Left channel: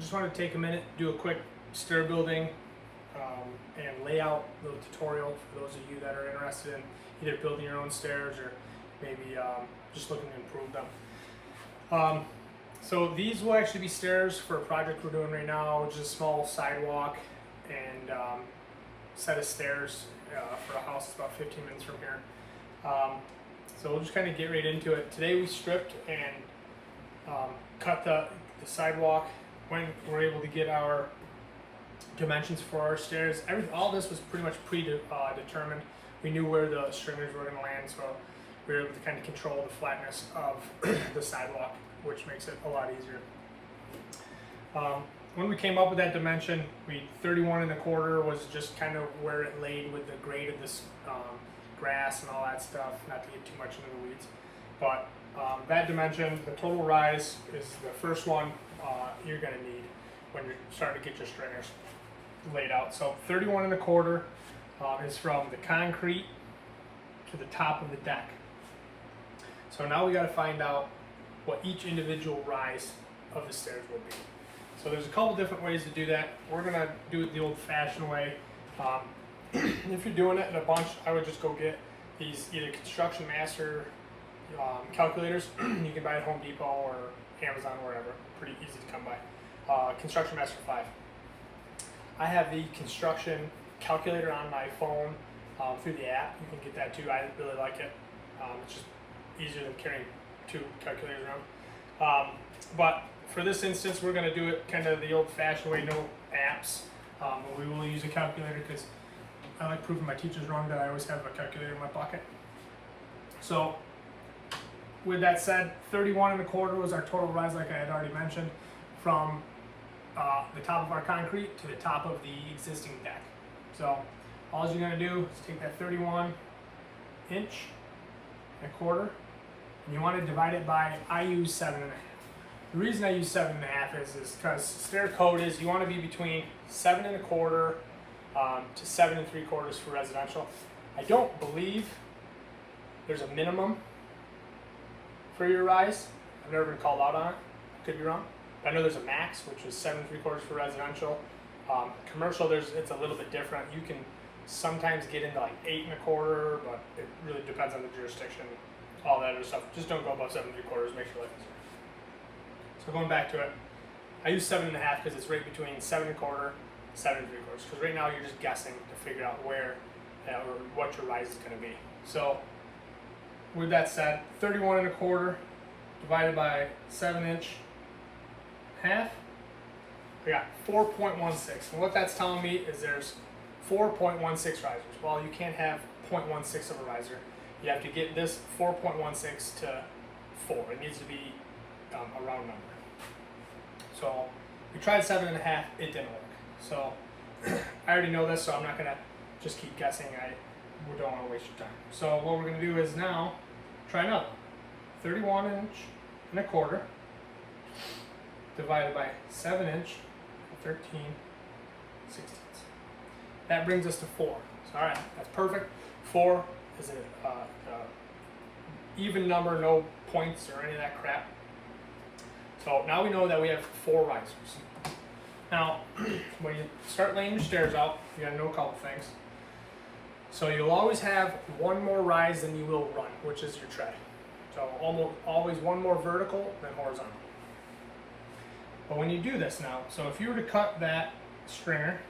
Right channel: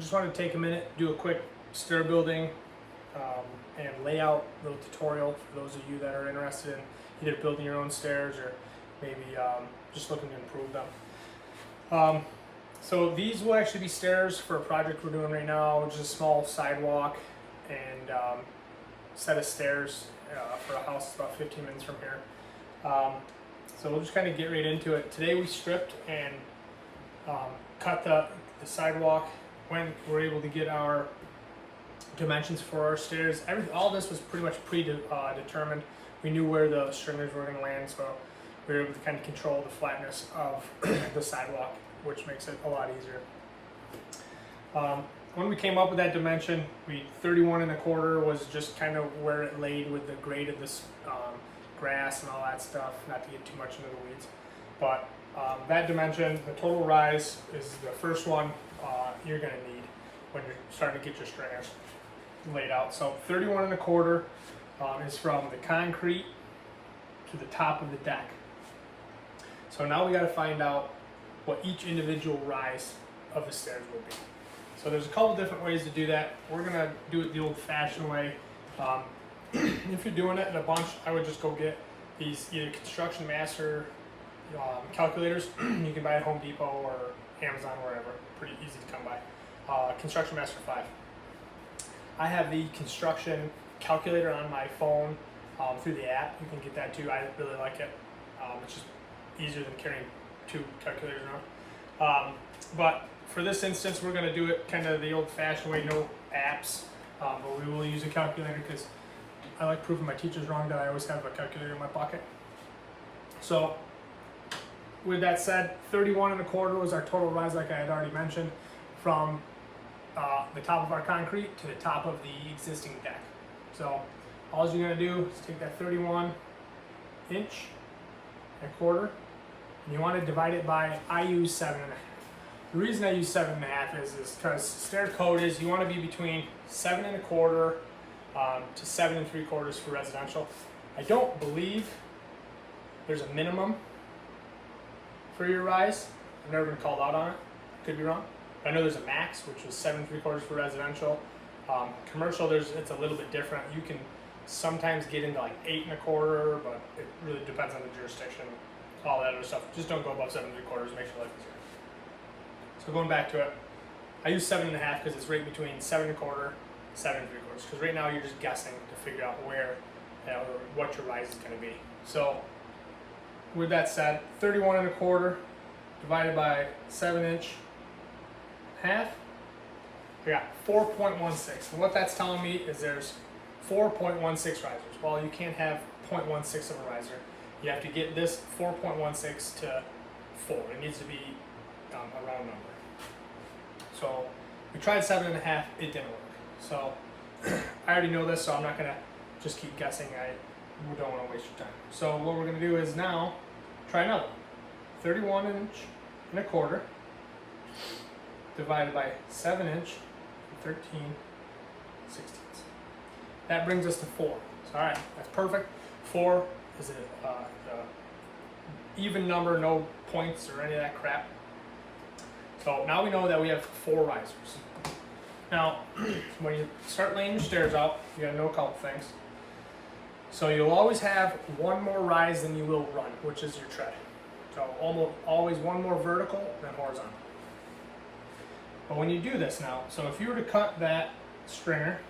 just wanted to take a minute, do a quick stair building and layout little tutorial for those of you that are interested in either building your own stairs or maybe just looking to improve them. So these will actually be stairs for a project we're doing right now, which is a small sidewalk and set of stairs for a house that's about 15 minutes from here. So we'll just kind of get right into it. Today we stripped and cut the sidewalk when we're able to get our dimensions for our stairs. All this was pretty much predetermined. We knew where the stringers were going to land, so we were able to kind of control the flatness of the sidewalk, which makes it a lot easier. When we came up with that dimension, 31 1/4 was just kind of where it laid with the grade of this grass and all that stuff, not to get too much into the weeds. But that dimension, the total rise, is the first one you're going to need when you're starting to get your stringers laid out. So 31 1/4 is from the concrete to the top of the deck. So now we got to find out what each individual rise of the stairs would be. So there's a couple different ways to do that. We're going to do it the old-fashioned way. If you're doing it in a bunch, I would just go get these either Construction Master calculators. You can buy at Home Depot or Amazon or wherever. Pretty easy to come by. Construction Master 5. I have the construction calculator on my phone through the app. You can get that too. I really like it. It's just easier than carrying 2 calculators around. But for this instance, we're going to do it kind of the old-fashioned way, no apps. But we will use a calculator because I like proving my teachers wrong that I always have a calculator in my pocket. So with that said, 31 1/4 was our total rise, like I had already mentioned, from the top of our concrete to the top of the existing deck. So all you're going to do is take that 31 1/4 and you want to divide it by, I use 7 1/2. The reason I use 7 1/2 is because stair code is you want to be between 7 1/4 to 7 3/4 for residential. I don't believe there's a minimum for your rise. I've never been called out on it. Could be wrong. I know there's a max, which is 7 3/4 for residential. Commercial, it's a little bit different. You can sometimes get into like 8 1/4, but it really depends on the jurisdiction, all that other stuff. Just don't go above 7 3/4. Makes your life easier. So going back to it, I use 7 1/2 because it's right between 7 1/4, 7 3/4. Because right now you're just guessing to figure out where or what your rise is going to be. So with that said, 31 1/4 divided by 7 1/2, I got 4.16. And what that's telling me is there's 4.16 risers. Well, you can't have 0.16 of a riser. You have to get this 4.16 to 4. It needs to be a round number. So we tried 7 1/2, it didn't work. So I already know this, so I'm not gonna just keep guessing. We don't want to waste your time. So what we're gonna do is now try another 31 1/4 divided by 7 13 16ths. That brings us to 4. So all right, that's perfect. 4 is an even number, no points or any of that crap. So now we know that we have 4 risers. Now, when you start laying your stairs out, you gotta know a couple things. So you'll always have one more rise than you will run, which is your tread. So always one more vertical than horizontal. But when you do this now, so if you were to cut that stringer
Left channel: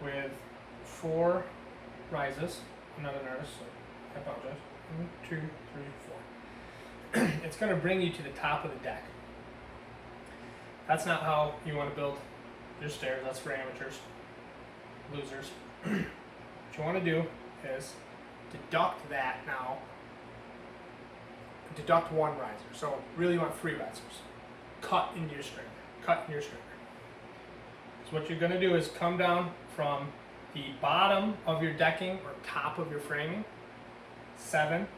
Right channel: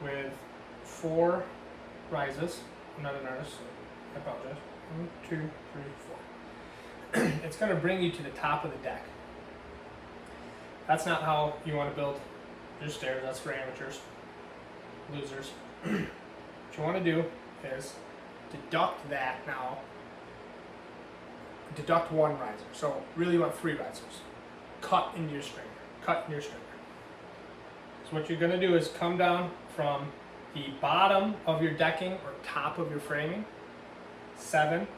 with 4 rises, I'm not an artist, so I apologize. 1, 2, 3, 4. It's going to bring you to the top of the deck. That's not how you want to build your stairs. That's for amateurs, losers. What you want to do is deduct that now. Deduct 1 riser. So really you want 3 risers. Cut into your stringer. Cut in your stringer. So what you're going to do is come down from the bottom of your decking or top of your framing, 7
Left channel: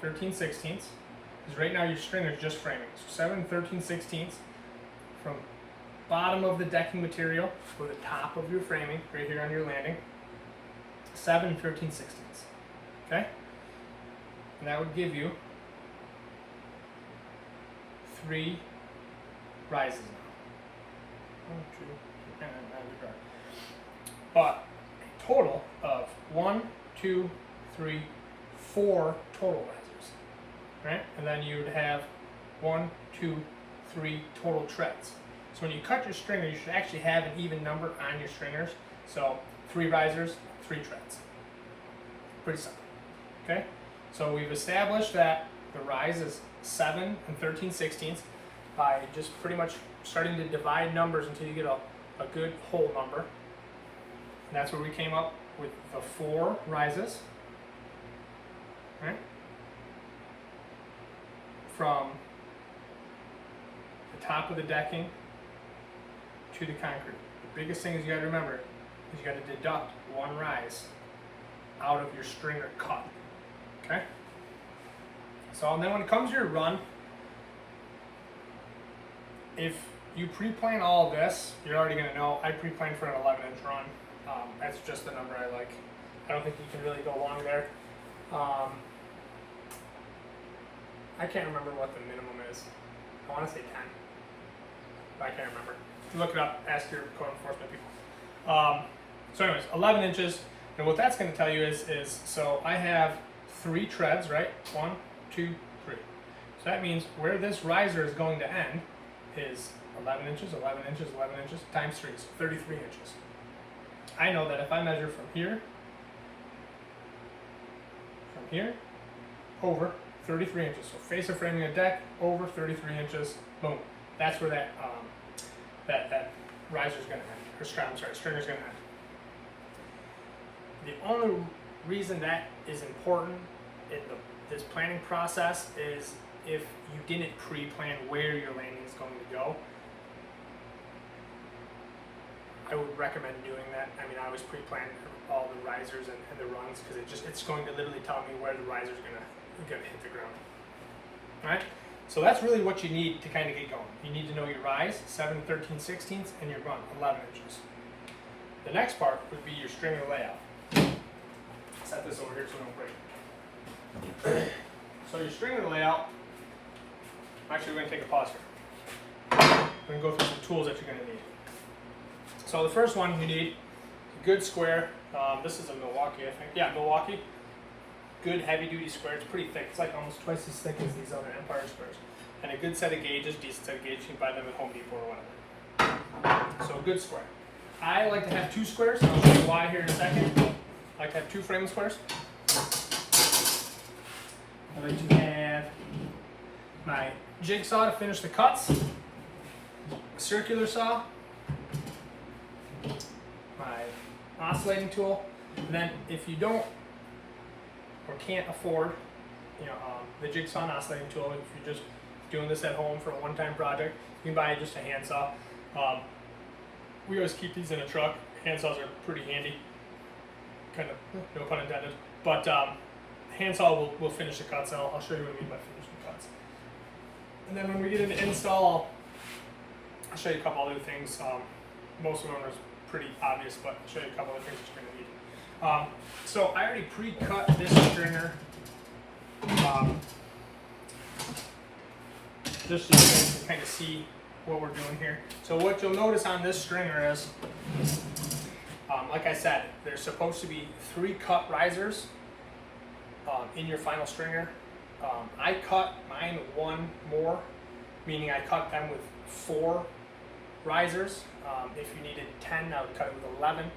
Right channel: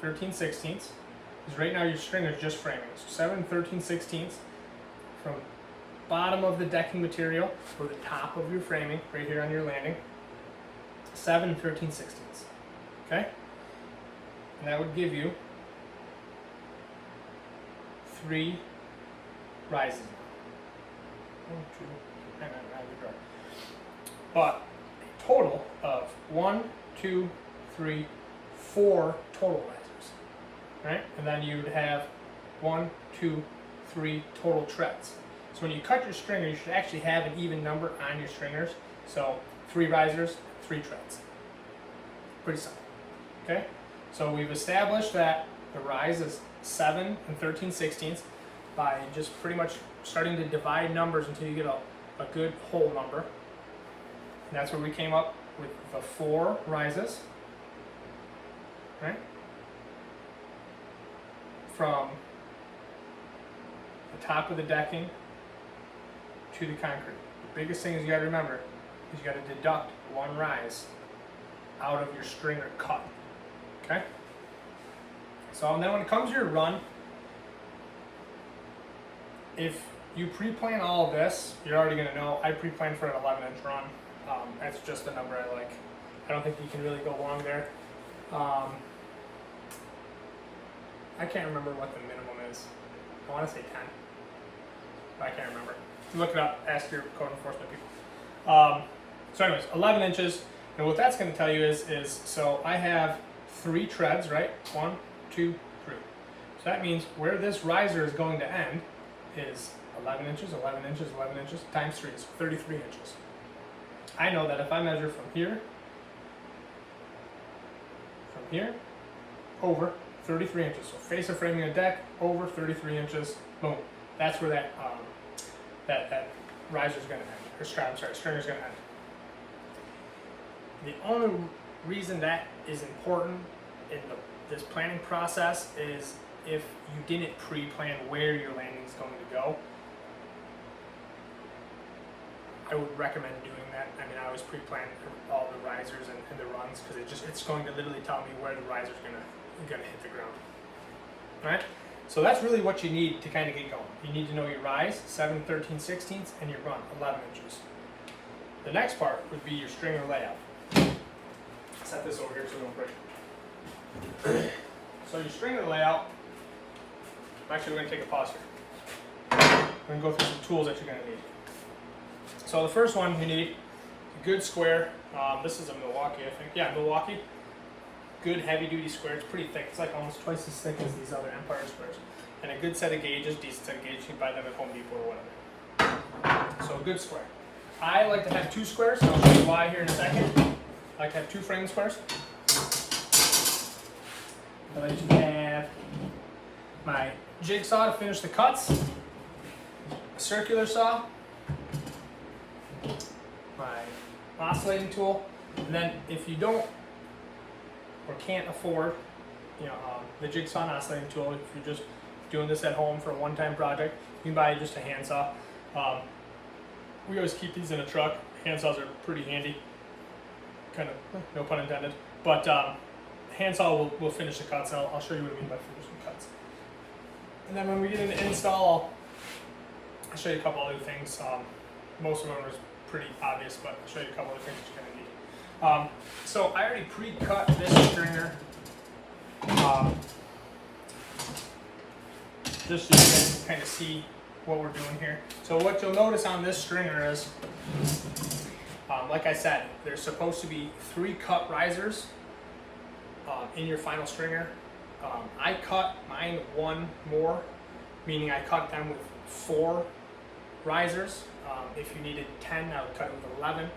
13/16. Because right now your stringer is just framing. So 7 13/16 from bottom of the decking material or the top of your framing, right here on your landing, 7 13/16. Okay? And that would give you 3 rises now. 1, 2, and then add the drawer. But a total of 1, 2, 3, 4 total risers, right? And then you'd have 1, 2, 3 total treads. So when you cut your stringer, you should actually have an even number on your stringers. So 3 risers, 3 treads. Pretty simple. Okay? So we've established that the rise is 7 and 13/16 by just pretty much starting to divide numbers until you get a good whole number. And that's where we came up with the 4 rises. Right? From the top of the decking to the concrete. The biggest thing is you got to remember is you got to deduct 1 rise out of your stringer cut. Okay? So then when it comes to your run, if you pre-plan all of this, you're already going to know I pre-planned for an 11-inch run. That's just the number I like. I don't think you can really go long there. I can't remember what the minimum is. I want to say 10. But I can't remember. Look it up. Ask your code enforcement people. So anyways, 11 inches. And what that's going to tell you is so I have 3 treads, right? 1, 2, 3. So that means where this riser is going to end is 11 inches, 11 inches, 11 inches, times 3, so 33 inches. I know that if I measure from here, over 33 inches. So face of framing a deck, over 33 inches, boom. That's where that that riser is going to end, or stringer is going to end. The only reason that is important in this planning process is if you didn't pre-plan where your landing is going to go. I would recommend doing that. I mean, I always pre-plan all the risers and the runs because it's going to literally tell me where the riser is gonna hit the ground. All right. So that's really what you need to kind of get going. You need to know your rise, 7 13/16, and your run, 11 inches. The next part would be your stringer layout. Set this over here so it don't break. So your stringer layout, actually we're going to take a pause here. We're going to go through some tools that you're going to need. So the first one you need, a good square. This is a Milwaukee, I think. Yeah, Milwaukee. Good heavy duty square. It's pretty thick. It's like almost twice as thick as these other Empire squares. And a good set of gauges, decent set of gauges. You can buy them at Home Depot or whatever. So a good square. I like to have 2 squares, and I'll show you why here in a second. I like to have 2 framing squares. I like to have my jigsaw to finish the cuts, a circular saw, my oscillating tool, and then if you don't or can't afford, the jigsaw and oscillating tool, if you're just doing this at home for a one-time project, you can buy just a handsaw. We always keep these in a truck. Handsaws are pretty handy, kind of, no pun intended. But handsaw will finish the cuts. I'll show you what I mean by finishing cuts. And then when we get into install, I'll show you a couple other things. Most of them are pretty obvious, but I'll show you a couple other things that you're going to need. So I already pre-cut this stringer, just so you guys can kind of see what we're doing here. So what you'll notice on this stringer is, like I said, there's supposed to be 3 cut risers in your final stringer. I cut mine 1 more, meaning I cut them with 4 risers. If you needed 10, I would cut it with 11.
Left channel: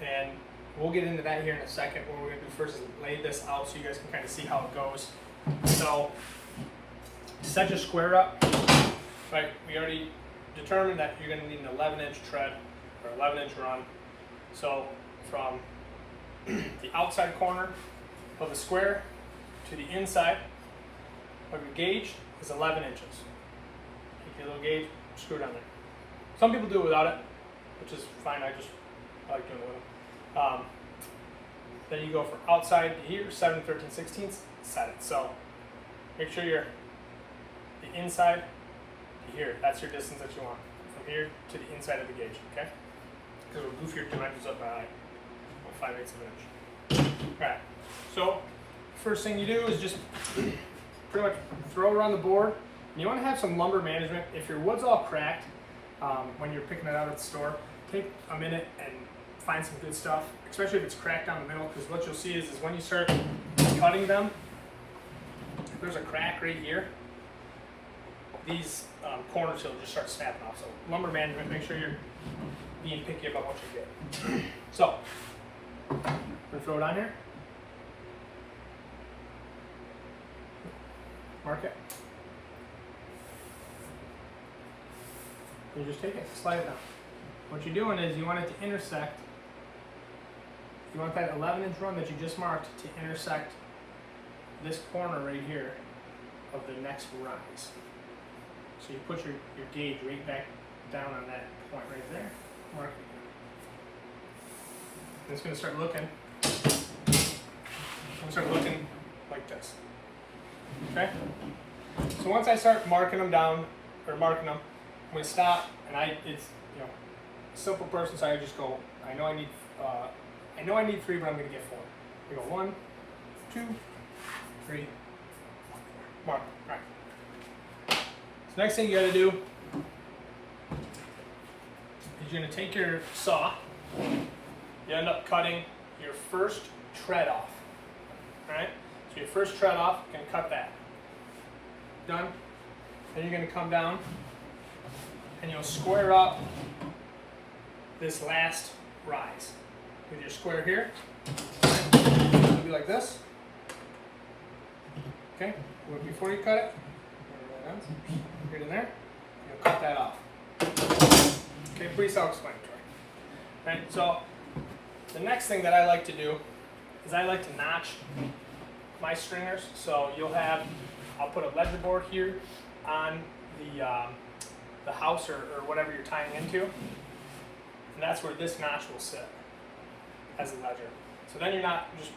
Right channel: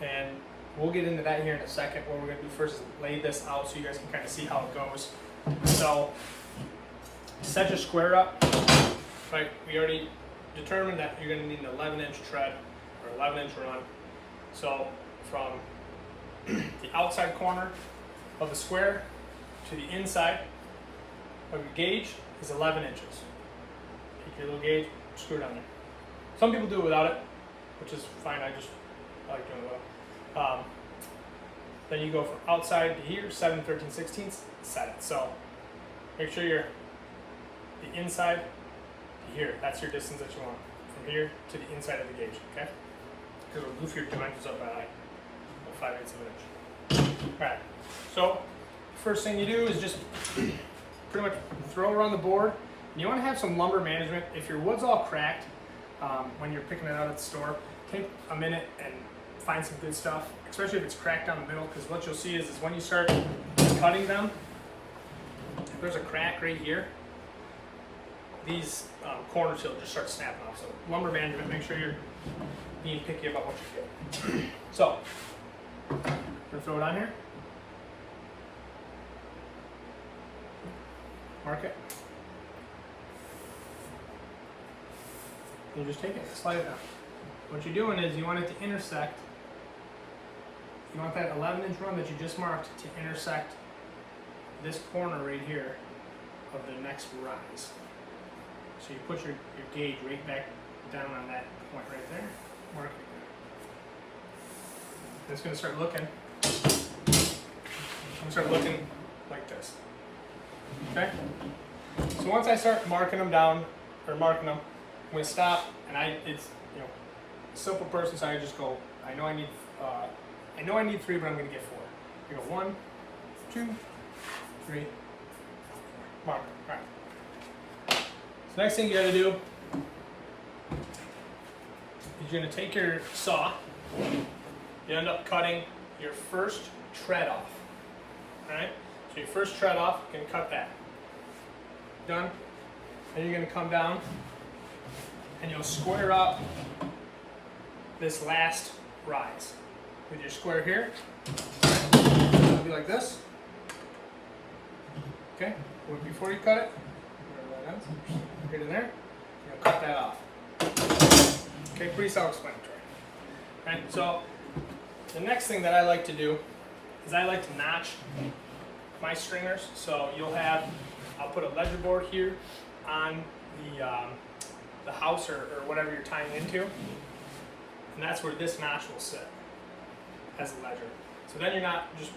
And we'll get into that here in a second. What we're going to do first is lay this out so you guys can kind of see how it goes. So set your square up. Right, we already determined that you're going to need an 11-inch tread or 11-inch run. So from the outside corner of the square to the inside of your gauge is 11 inches. Take your little gauge, screw it on there. Some people do it without it, which is fine. I like doing it with it. Then you go from outside to here, 7 13/16, set it. So make sure you're the inside to here. That's your distance that you want from here to the inside of the gauge. Okay? Because we'll goof your dimensions up by 5/8 of an inch. All right. So first thing you do is just pretty much throw it on the board And you want to have some lumber management. If your wood's all cracked when you're picking it out at the store, take a minute and find some good stuff, especially if it's cracked down the middle, because what you'll see is when you start cutting them, if there's a crack right here, these corners will just start snapping off. So lumber management, make sure you're being picky about what you get. So, I'm gonna throw it on here. Mark it. You just take it, slide it down. What you're doing is you want it to intersect. You want that 11-inch run that you just marked to intersect this corner right here of the next rise. So you put your gauge right back down on that point right there. Mark it. And it's going to start looking. Like this. Okay. So once I start marking them down, I'm going to stop, and it's simple person, so I just go. I know I need 3, but I'm going to get 4. I go 1, 2, 3, 4. Mark. All right. So next thing you got to do is you're going to take your saw. You end up cutting your first tread off. All right. So your first tread off, you can cut that. Done. Then you're going to come down and you'll square up this last rise with your square here. It'll be like this. Okay. Before you cut it, wherever that ends, get in there. You'll cut that off. Okay. Pretty self-explanatory. Right. So the next thing that I like to do is I like to notch my stringers. So I'll put a ledger board here on the house or whatever you're tying into, and that's where this notch will sit as a ledger. So then you're not just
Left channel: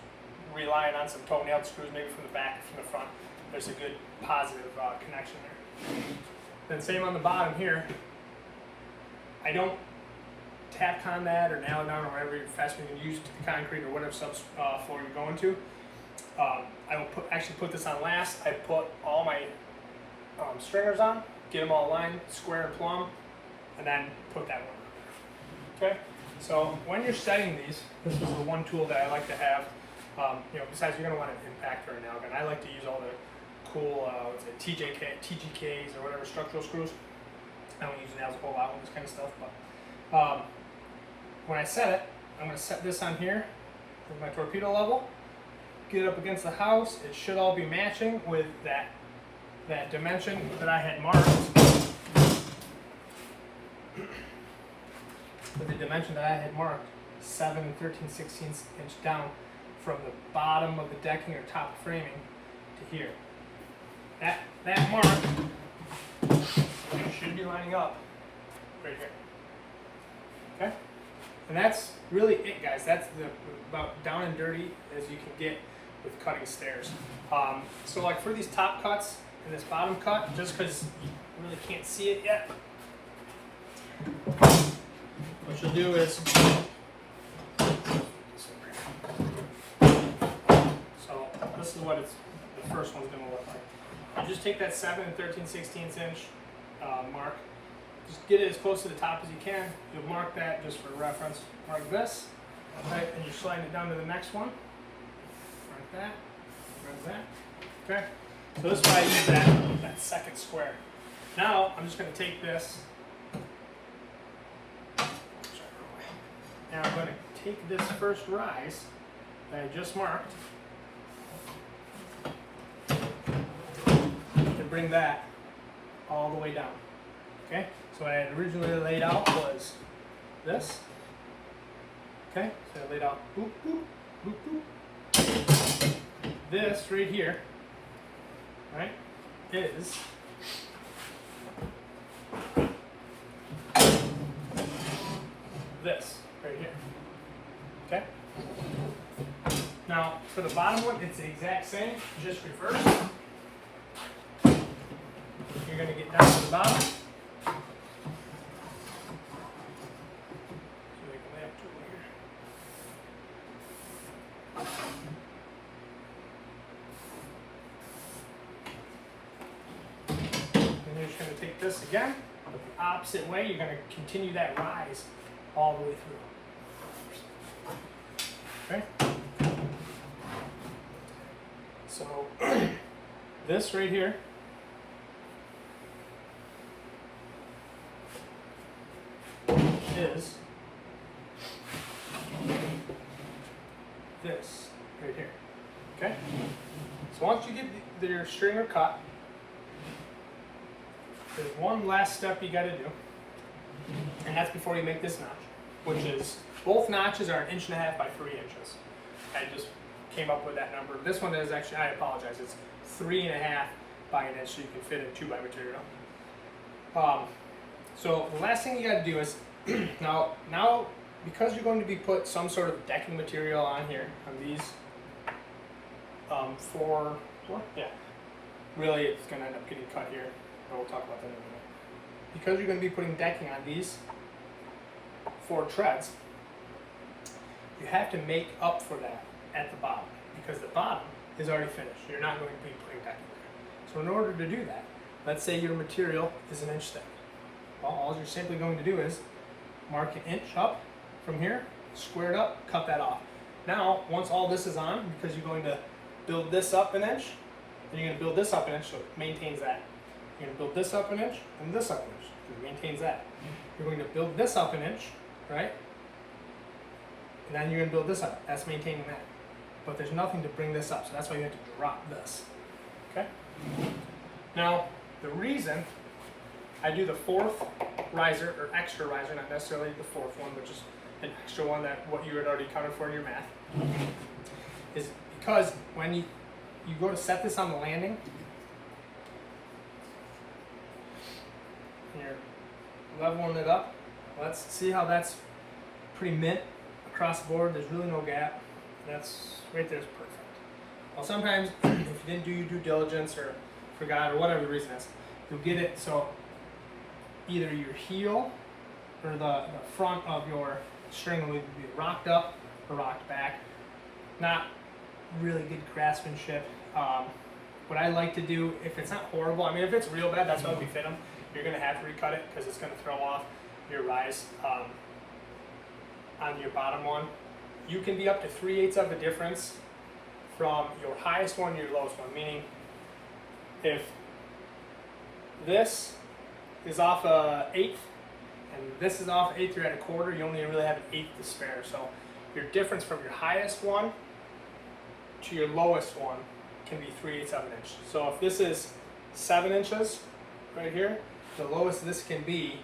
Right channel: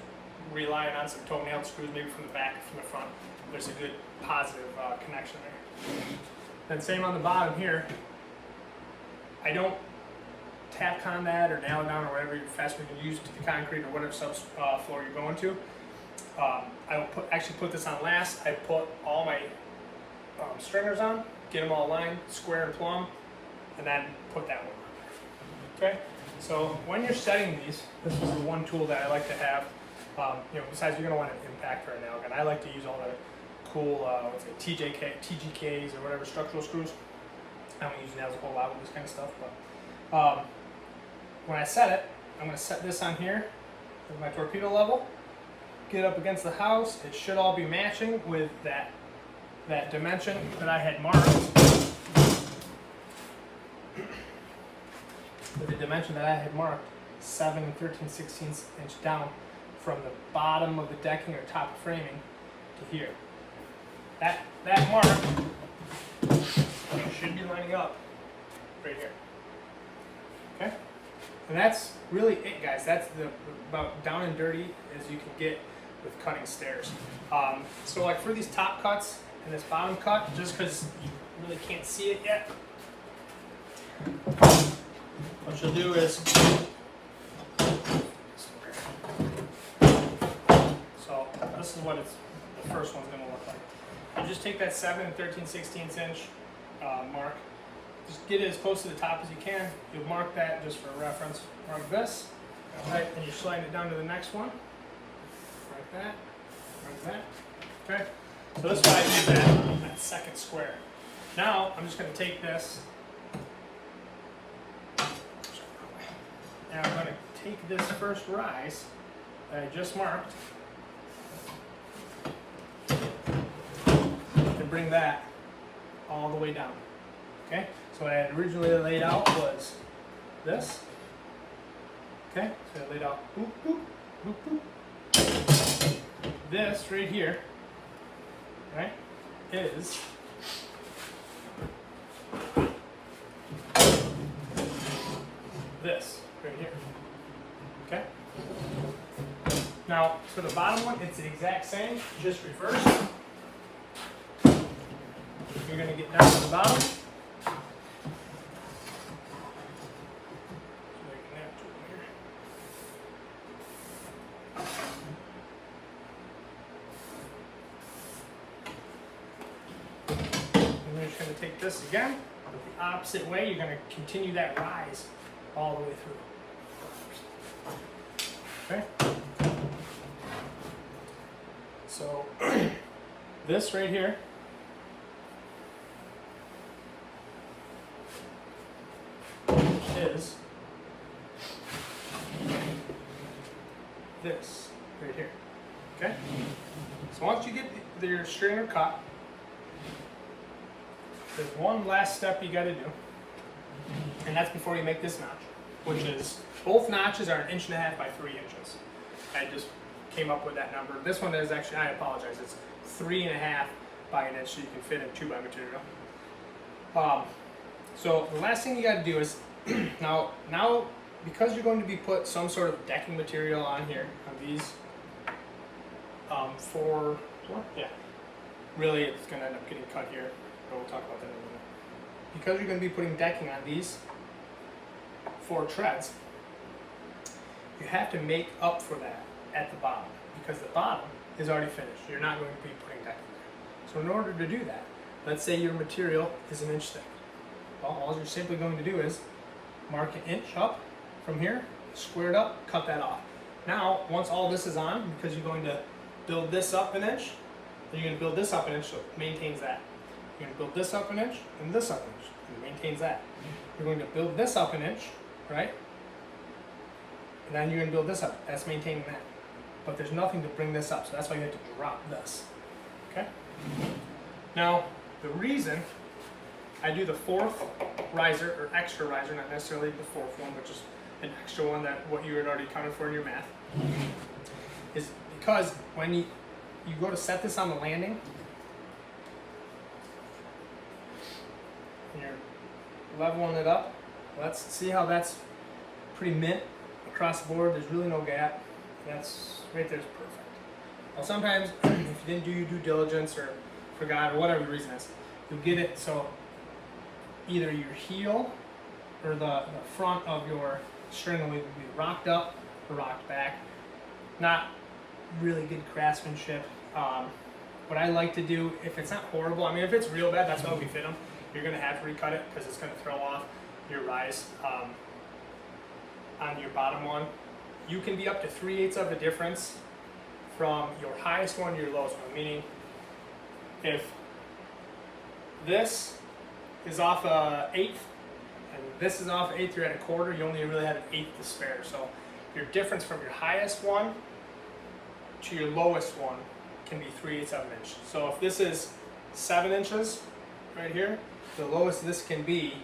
relying on some toenail screws, maybe from the back or from the front. There's a good positive connection there. Then same on the bottom here. I don't tack on that or nail it down or whatever fast we can use to the concrete or whatever floor you're going to. I will actually put this on last. I put all my stringers on, get them all aligned, square and plumb, and then put that one on there. Okay? So when you're setting these, this is the one tool that I like to have. Besides you're going to want an impactor or nail gun. I like to use all the cool TGKs or whatever structural screws. I don't use nails a whole lot with this kind of stuff, but when I set it, I'm going to set this on here with my torpedo level. Get it up against the house. It should all be matching with that dimension that I had marked. With the dimension that I had marked, 7 13/16 inch down from the bottom of the decking or top of framing to here. That mark should be lining up right here. Okay? And that's really it, guys. That's about down and dirty as you can get with cutting stairs. So like for these top cuts and this bottom cut, just because you really can't see it yet, what you'll do is, so this is what the first one's going to look like. You just take that 7 13/16 inch mark, just get it as close to the top as you can. You'll mark that just for reference. Mark this, right, and you're sliding it down to the next one. Like that, like that. Okay. So this is what I use that second square. Now I'm just going to take this, and I'm going to take this first rise that I just marked and bring that all the way down. Okay. So what I had originally laid out was this. Okay. So I laid out boop boop boop boop. This right here, right, is this right here. Okay? Now, for the bottom one, it's the exact same, just reverse. You're going to get down to the bottom. this again, but the opposite way. You're going to continue that rise all the way through. Okay? So this right here is this right here. Okay? So once you get your stringer cut, there's one last step you got to do, and that's before you make this notch, which is both notches are 1.5 inches by 3 inches. I just came up with that number. This one is actually, I apologize, it's 3.5 by 1 inch, so you can fit in 2 by material. So the last thing you got to do is now because you're going to be put some sort of decking material on here on these four, yeah. Really, it's going to end up getting cut here, but we'll talk about that in a minute. Because you're going to be putting decking on these 4 treads, you have to make up for that at the bottom, because the bottom is already finished. You're not going to be putting decking there. So in order to do that, let's say your material is 1 inch thick. Well, all you're simply going to do is mark 1 inch up from here, square it up, cut that off. Now, once all this is on, because you're going to build this up 1 inch, then you're going to build this up 1 inch, so it maintains that. You're going to build this up 1 inch, and this up 1 inch, and it maintains that. You're going to build this up 1 inch, right? And then you're going to build this up. That's maintaining that. But there's nothing to bring this up, so that's why you have to drop this. Okay? Now, the reason I do the 4th riser, or extra riser, not necessarily the 4th one, but just an extra one that what you had already counted for in your math, is because when you go to set this on the landing, and you're leveling it up, let's see how that's pretty mint across the board. There's really no gap. That's right there is perfect. Well, sometimes if you didn't do your due diligence or forgot or whatever the reason is, you'll get it so either your heel or the front of your string will either be rocked up or rocked back. Not really good craftsmanship. What I like to do, if it's not horrible, I mean, if it's real bad, that's why we fit them. You're going to have to recut it because it's going to throw off your rise on your bottom one. You can be up to 3/8 of a difference from your highest one to your lowest one, meaning if this is off 1/8 and this is off 1/8, you're at 1/4, you only really have 1/8 to spare. So your difference from your highest one to your lowest one can be 3/8 of an inch. So if this is 7 inches right here, the lowest this can be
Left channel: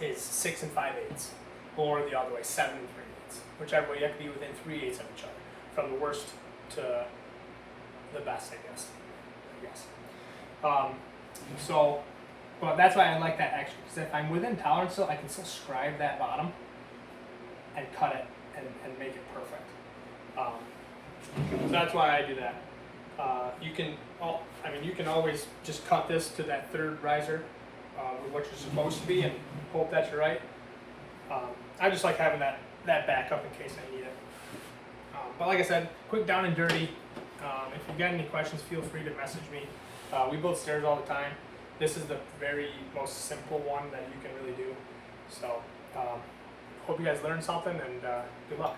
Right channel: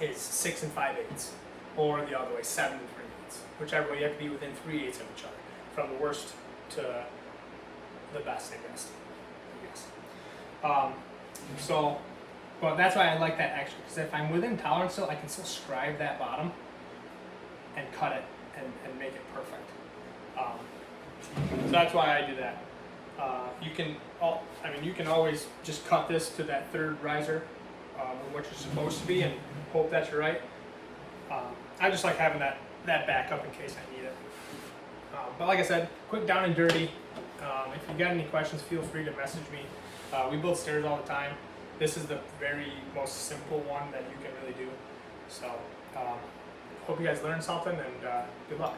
is 6 5/8, or the other way, 7 3/8. Whichever way, you have to be within 3/8 of each other, from the worst to the best, I guess. So, well, that's why I like that extra, because if I'm within tolerance still, I can still scribe that bottom and cut it and make it perfect. So that's why I do that. You can always just cut this to that 3rd riser, what you're supposed to be, and hope that you're right. I just like having that backup in case I need it. But like I said, quick down and dirty. If you got any questions, feel free to message me. We build stairs all the time. This is the very most simple one that you can really do. So, hope you guys learned something, and good luck.